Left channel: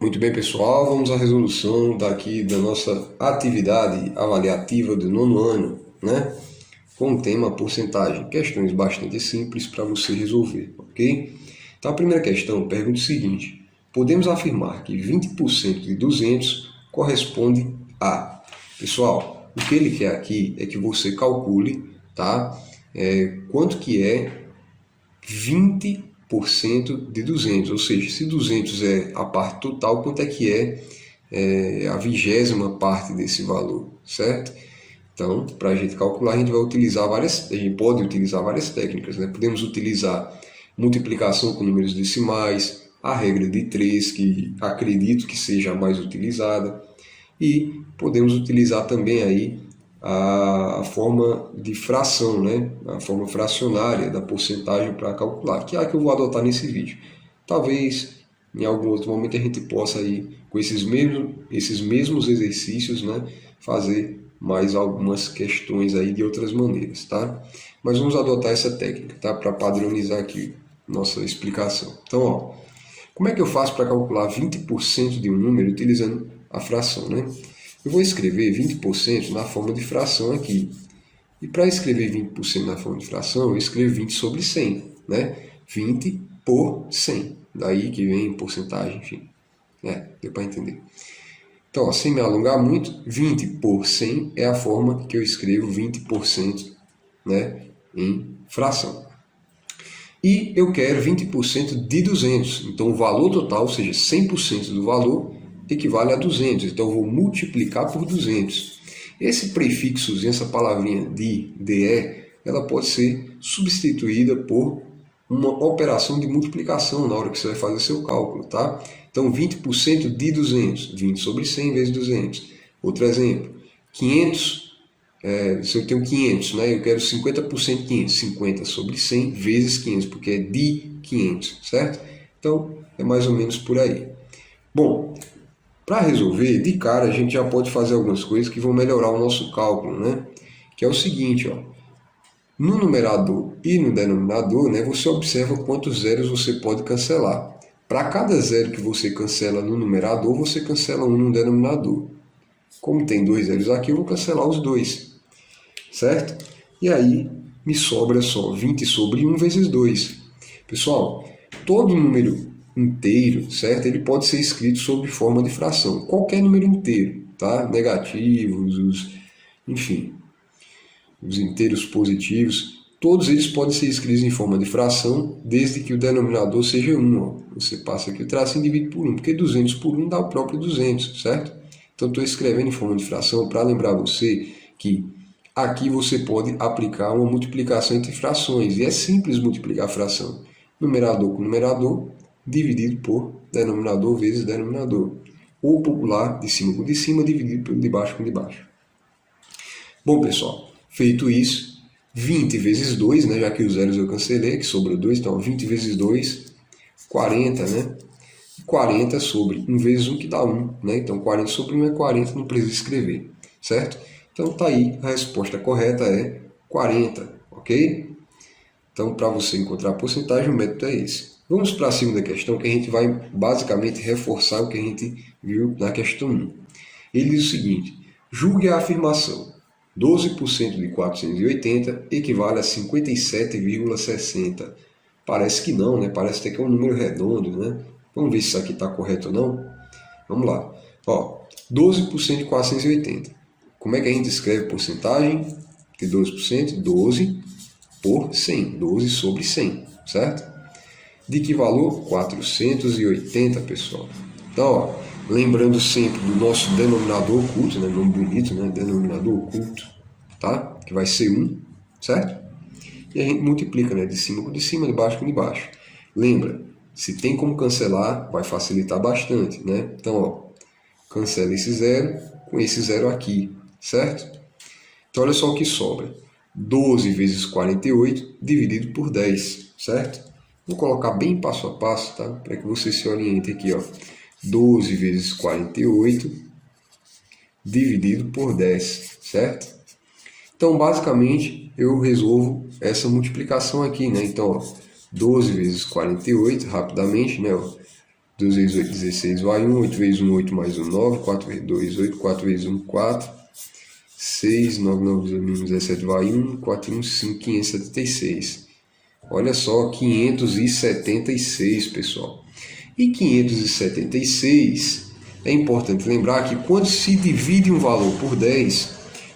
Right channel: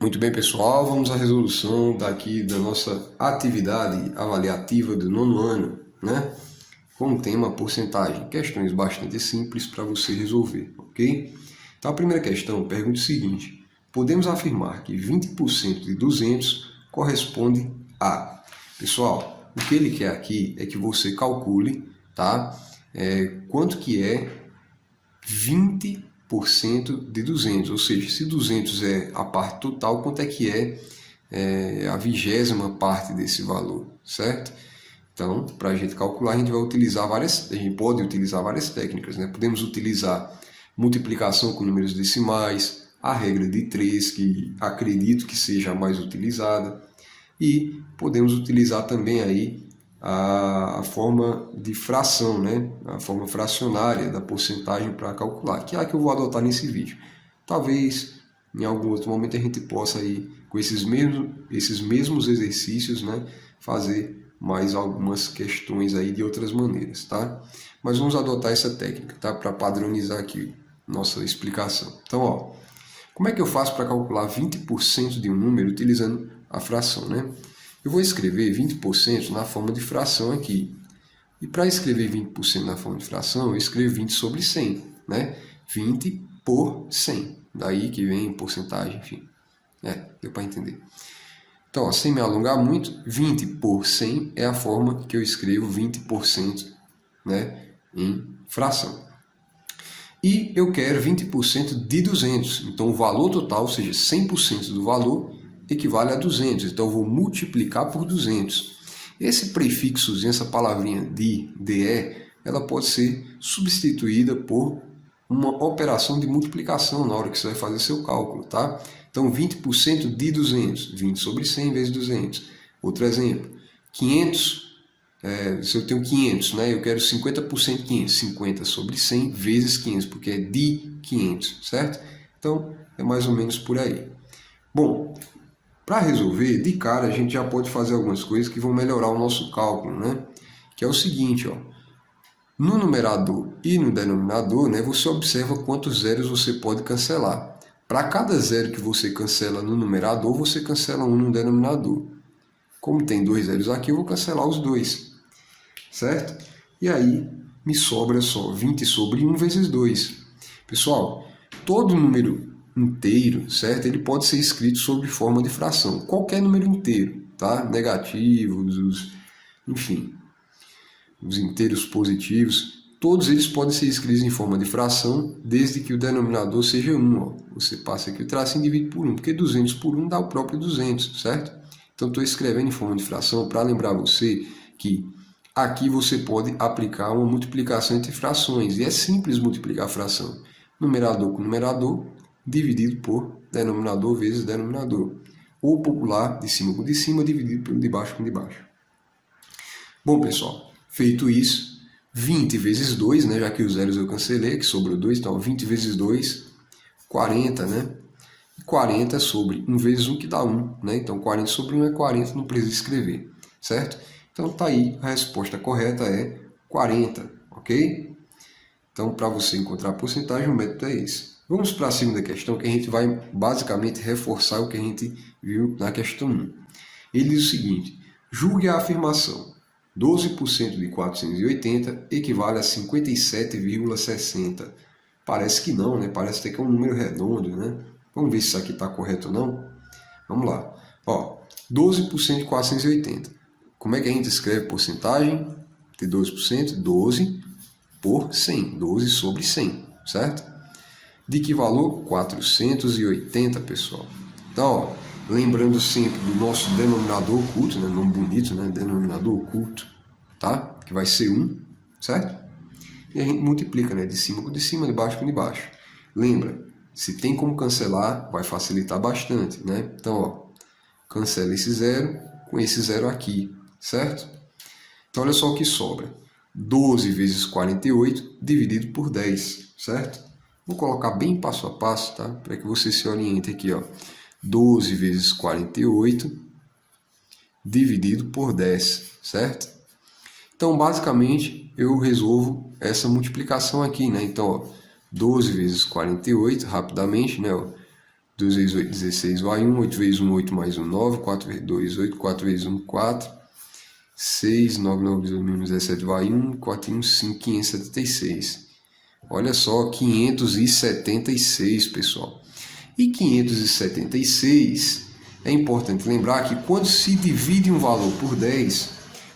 Muito bem, pessoal, vamos à resolução daqui da nossa atividade avaliativa do nono ano, né? Com o tema porcentagem. Questões bastante simples para você resolver, ok? Então, a primeira questão pergunta o seguinte: podemos afirmar que 20% de 200 corresponde a... Pessoal, o que ele quer aqui é que você calcule, tá? Quanto que é 20% de 200, ou seja, se 200 é a parte total, quanto é que é a 20ª parte desse valor, certo? Então, para a gente calcular, a gente pode utilizar várias técnicas, né? Podemos utilizar multiplicação com números decimais, a regra de 3, que acredito que seja a mais utilizada, e podemos utilizar também aí a forma de fração, né? A forma fracionária da porcentagem para calcular, que é a que eu vou adotar nesse vídeo. Talvez em algum outro momento a gente possa aí, com esses mesmos exercícios, né, fazer mais algumas questões aí de outras maneiras, tá? Mas vamos adotar essa técnica, tá? Para padronizar aqui nossa explicação. Então, ó, como é que eu faço para calcular 20% de um número utilizando a fração, né? Eu vou escrever 20% na forma de fração aqui. E para escrever 20% na forma de fração, eu escrevo 20 sobre 100, né? 20 por 100. Daí que vem porcentagem, enfim. Deu para entender. Então, ó, sem me alongar muito, 20 por 100 é a forma que eu escrevo 20%, né, em fração. E eu quero 20% de 200. Então, o valor total, ou seja, 100% do valor, equivale a 200. Então, eu vou multiplicar por 200. Esse prefixozinho, essa palavrinha de, ela pode ser substituída por uma operação de multiplicação na hora que você vai fazer seu cálculo, tá? Então, 20% de 200, 20 sobre 100 vezes 200. Outro exemplo, 500, se eu tenho 500, né, eu quero 50% de 500, 50 sobre 100 vezes 500, porque é de 500, certo? Então, é mais ou menos por aí. Bom, para resolver, de cara, a gente já pode fazer algumas coisas que vão melhorar o nosso cálculo, né? Que é o seguinte, ó. No numerador e no denominador, né, você observa quantos zeros você pode cancelar. Para cada zero que você cancela no numerador, você cancela um no denominador. Como tem 2 zeros aqui, eu vou cancelar os 2, certo? E aí me sobra só 20 sobre 1 vezes 2. Pessoal, todo número inteiro, certo? Ele pode ser escrito sob forma de fração. Qualquer número inteiro, tá? Negativos, enfim, os inteiros positivos, todos eles podem ser escritos em forma de fração, desde que o denominador seja 1. Ó. Você passa aqui o tracinho e divide por 1, porque 200 por 1 dá o próprio 200, certo? Então, estou escrevendo em forma de fração para lembrar você que aqui você pode aplicar uma multiplicação entre frações, e é simples multiplicar a fração. Numerador com numerador, dividido por denominador vezes denominador. Ou popular, de cima com de cima, dividido por de baixo com de baixo. Bom, pessoal, feito isso, 20 vezes 2, né, já que os zeros eu cancelei, que sobrou 2, então 20 vezes 2, 40, né? 40 sobre 1 vezes 1, que dá 1, né? Então 40 sobre 1 é 40, não precisa escrever, certo? Então tá aí, a resposta correta é 40, ok? Então, para você encontrar a porcentagem, o método é esse. Vamos para a segunda questão, que a gente vai basicamente reforçar o que a gente viu na questão 1. Ele diz o seguinte: julgue a afirmação 12% de 480 equivale a 57,60. Parece que não, né? Parece até que é um número redondo, né? Vamos ver se isso aqui está correto ou não. Vamos lá. Ó, 12% de 480. Como é que a gente escreve porcentagem de 12%? 12 por 100. 12 sobre 100, certo? De que valor? 480, pessoal. Então, ó, lembrando sempre do nosso denominador oculto, né? Nome bonito, né? Denominador oculto, tá? Que vai ser 1, certo? E a gente multiplica, né? De cima com de cima, de baixo com de baixo. Lembra, se tem como cancelar, vai facilitar bastante, né? Então, ó, cancela esse zero com esse zero aqui, certo? Então, olha só o que sobra. 12 vezes 48 dividido por 10, certo? Vou colocar bem passo a passo, tá? Para que você se oriente aqui, ó. 12 vezes 48 dividido por 10, certo? Então, basicamente, eu resolvo essa multiplicação aqui, né? Então, ó, 12 vezes 48, rapidamente, né? 2 vezes 8, 16, vai 1. 8 vezes 1, 8 mais 1, 9. 4 vezes 2, 8. 4 vezes 1, 4. 6, 9, 9 vezes 1, 17, vai 1. 4 e 1, 5, 576. Olha só, 576, pessoal. E 576, é importante lembrar que quando se divide um valor por 10,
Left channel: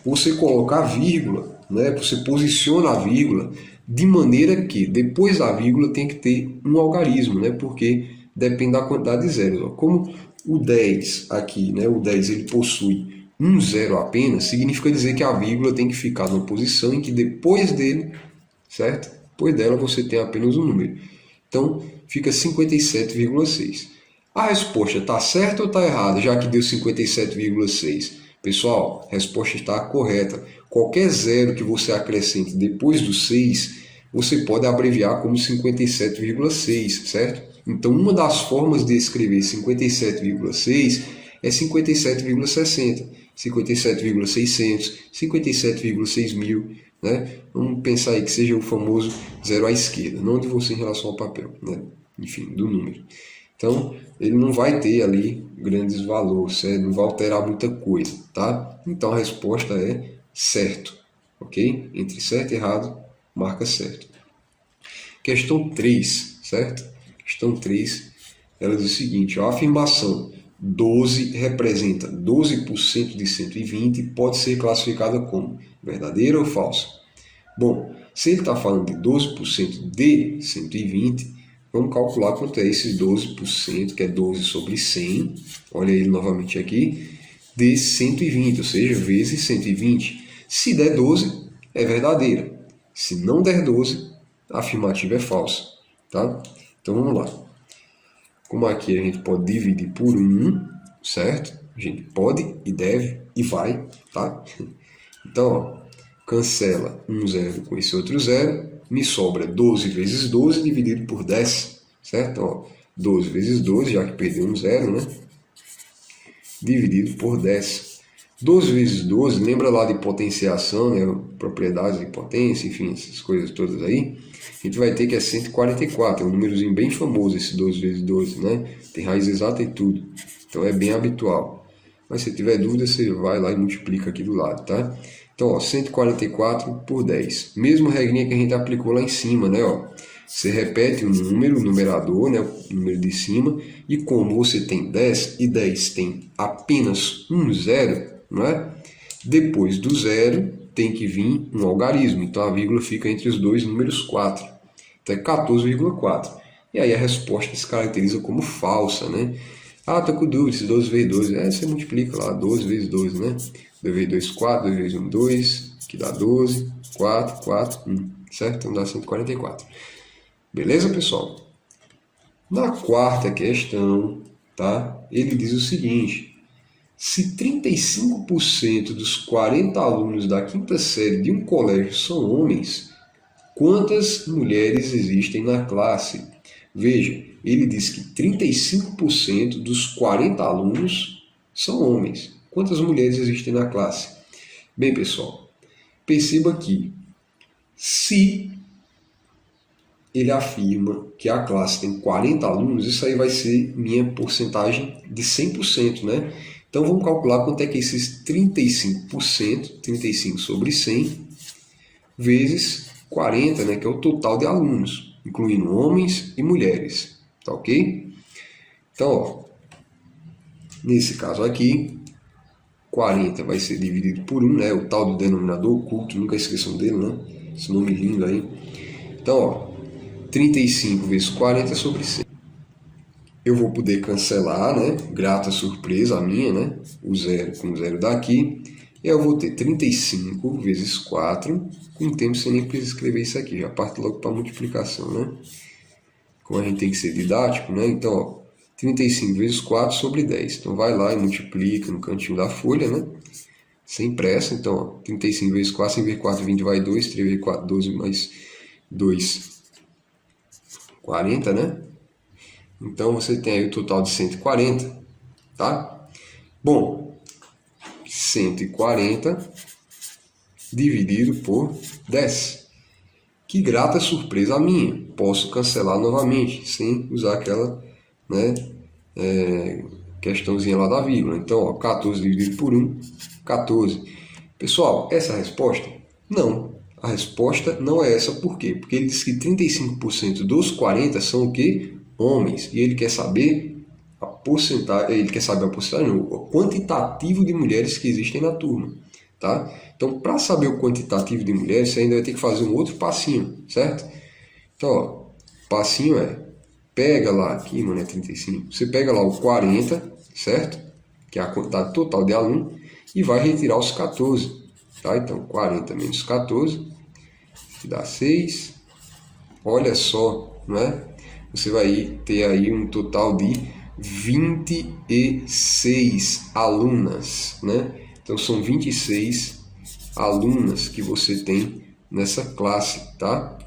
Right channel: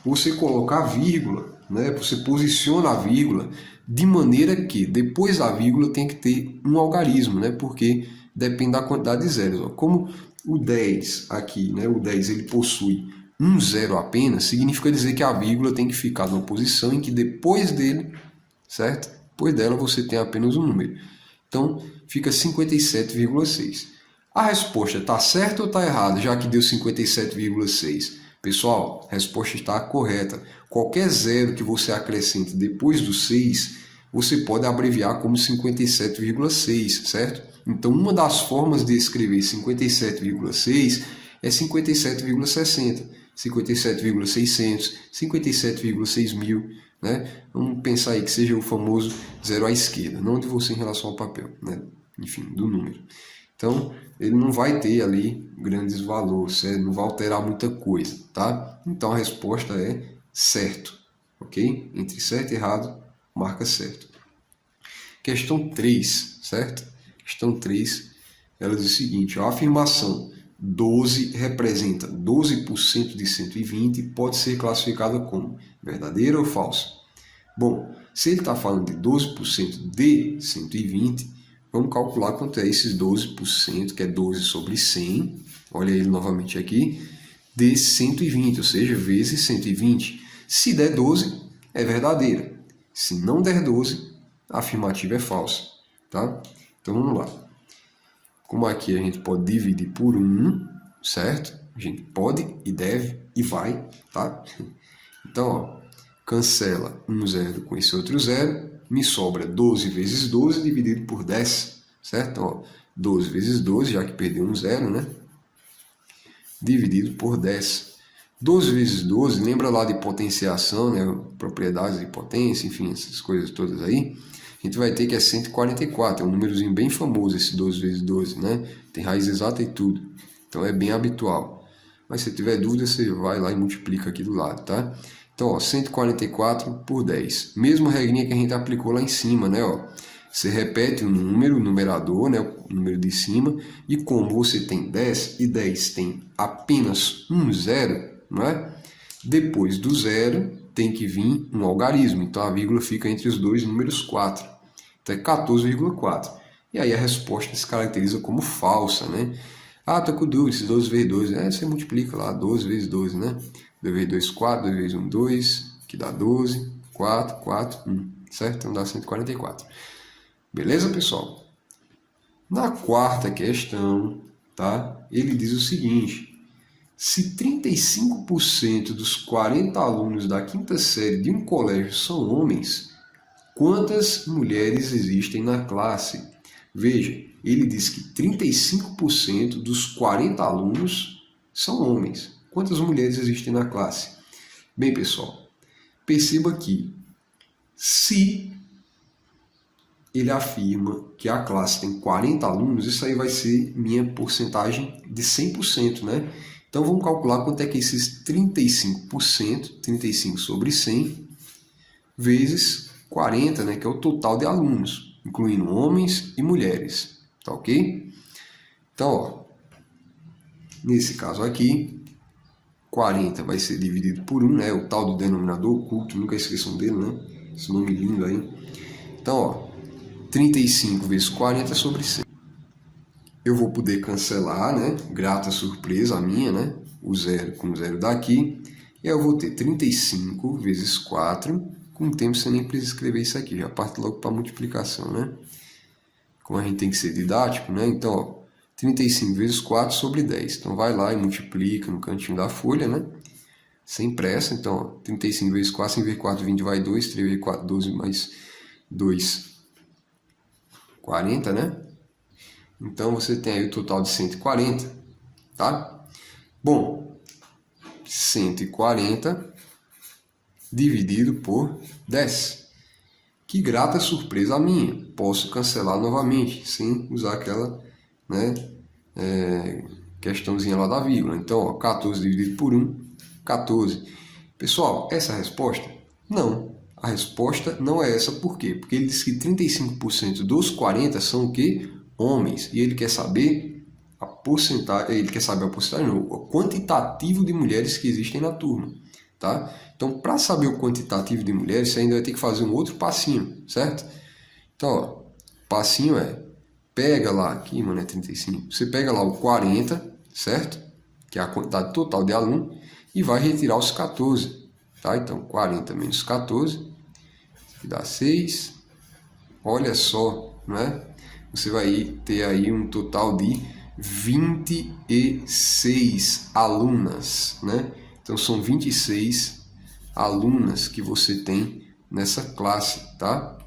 você coloca a vírgula, né? Você posiciona a vírgula de maneira que depois da vírgula tem que ter um algarismo, né? Porque depende da quantidade de zeros. Ó. Como o 10 aqui, né? O 10 ele possui um zero apenas, significa dizer que a vírgula tem que ficar numa posição em que depois dele, certo? Depois dela você tem apenas um número. Então, fica 57,6. A resposta está certa ou está errada, já que deu 57,6? Pessoal, a resposta está correta. Qualquer zero que você acrescente depois do 6, você pode abreviar como 57,6, certo? Então, uma das formas de escrever 57,6 é 57,60, 57,600, 57,6 mil. Né? Vamos pensar aí que seja o famoso zero à esquerda, não de você em relação ao papel, né? Enfim, do número. Então, ele não vai ter ali grandes valores, certo? Não vai alterar muita coisa, tá? Então, a resposta é certo, ok? Entre certo e errado, marca certo. Questão 3, certo? Questão 3, ela diz o seguinte, ó, a afirmação 12 representa 12% de 120 e pode ser classificada como verdadeira ou falsa? Bom, se ele está falando de 12% de 120, vamos calcular quanto é esses 12%, que é 12 sobre 100, olha ele novamente aqui, de 120, ou seja, vezes 120. Se der 12, é verdadeira. Se não der 12, a afirmativa é falsa. Tá? Então vamos lá. Como aqui a gente pode dividir por 1, certo? A gente pode e deve e vai, tá? Então, ó, cancela um zero com esse outro zero, me sobra 12 vezes 12 dividido por 10, certo? Ó, 12 vezes 12, já que perdeu um zero, né? Dividido por 10. 12 vezes 12, lembra lá de potenciação, né? Propriedades de potência, enfim, essas coisas todas aí. A gente vai ter que é 144, é um númerozinho bem famoso esse 12 vezes 12, né? Tem raiz exata e tudo, então é bem habitual. Mas se tiver dúvida, você vai lá e multiplica aqui do lado, tá? Então, ó, 144 por 10. Mesma regrinha que a gente aplicou lá em cima, né? Ó, você repete o número, o numerador, né? O número de cima, e como você tem 10 e 10 tem apenas um zero, não é? Depois do zero tem que vir um algarismo, então a vírgula fica entre os dois números 4. Então é 14,4. E aí a resposta se caracteriza como falsa, né? Ah, tô com dúvida, 12 vezes 12. Você multiplica lá, 12 vezes 12, né? 2 vezes 2, 4, 2 vezes 1, 2, que dá 12, 4, 4, 1, certo? Então dá 144. Beleza, pessoal? Na quarta questão, tá? Ele diz o seguinte, se 35% dos 40 alunos da quinta série de um colégio são homens, quantas mulheres existem na classe? Veja, ele diz que 35% dos 40 alunos são homens. Quantas mulheres existem na classe? Bem, pessoal, perceba que se ele afirma que a classe tem 40 alunos, isso aí vai ser minha porcentagem de 100%, né? Então vamos calcular quanto é que esses 35%, 35 sobre 100, vezes 40, né, que é o total de alunos, incluindo homens e mulheres, tá ok? Então, ó, nesse caso aqui, 40 vai ser dividido por 1, né, o tal do denominador oculto, nunca esqueçam dele, né, esse nome lindo aí. Então, ó, 35 vezes 40 sobre 100. Eu vou poder cancelar, né, grata surpresa a minha, né, o zero com o zero daqui, e eu vou ter 35 vezes 4, com o tempo você nem precisa escrever isso aqui, já parte logo para a multiplicação, né? Como a gente tem que ser didático, né? Então, ó, 35 vezes 4 sobre 10. Então, vai lá e multiplica no cantinho da folha, né? Sem pressa. Então, ó, 35 vezes 4, 5 vezes 4, 20 vai 2, 3 vezes 4, 12 mais 2, 40, né? Então, você tem aí o total de 140, tá? Bom, 140 dividido por 10. Que grata surpresa a minha. Posso cancelar novamente, sem usar aquela, né, questãozinha lá da vírgula. Então, ó, 14 dividido por 1, 14. Pessoal, essa é a resposta? Não. A resposta não é essa. Por quê? Porque ele diz que 35% dos 40 são o quê? Homens. E ele quer saber a porcentagem, não, o quantitativo de mulheres que existem na turma. Tá? Então, para saber o quantitativo de mulheres, você ainda vai ter que fazer um outro passinho, certo? Então, ó, passinho é, pega lá, aqui, mano, é 35. Você pega lá o 40, certo? Que é a quantidade total de aluno, e vai retirar os 14. Tá? Então, 40 menos 14, que dá 6. Olha só, né? Você vai ter aí um total de 26 alunas, né? Então, são 26 alunas que você tem nessa classe, tá?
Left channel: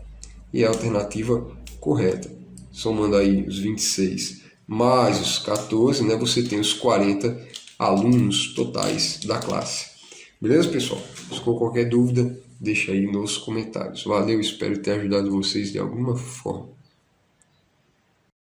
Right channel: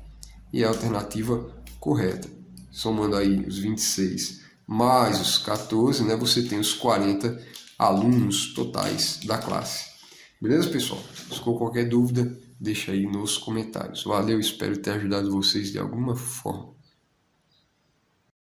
E a alternativa correta. Somando aí os 26 mais os 14, né? Você tem os 40 alunos totais da classe. Beleza, pessoal? Se ficou qualquer dúvida, deixa aí nos comentários. Valeu, espero ter ajudado vocês de alguma forma.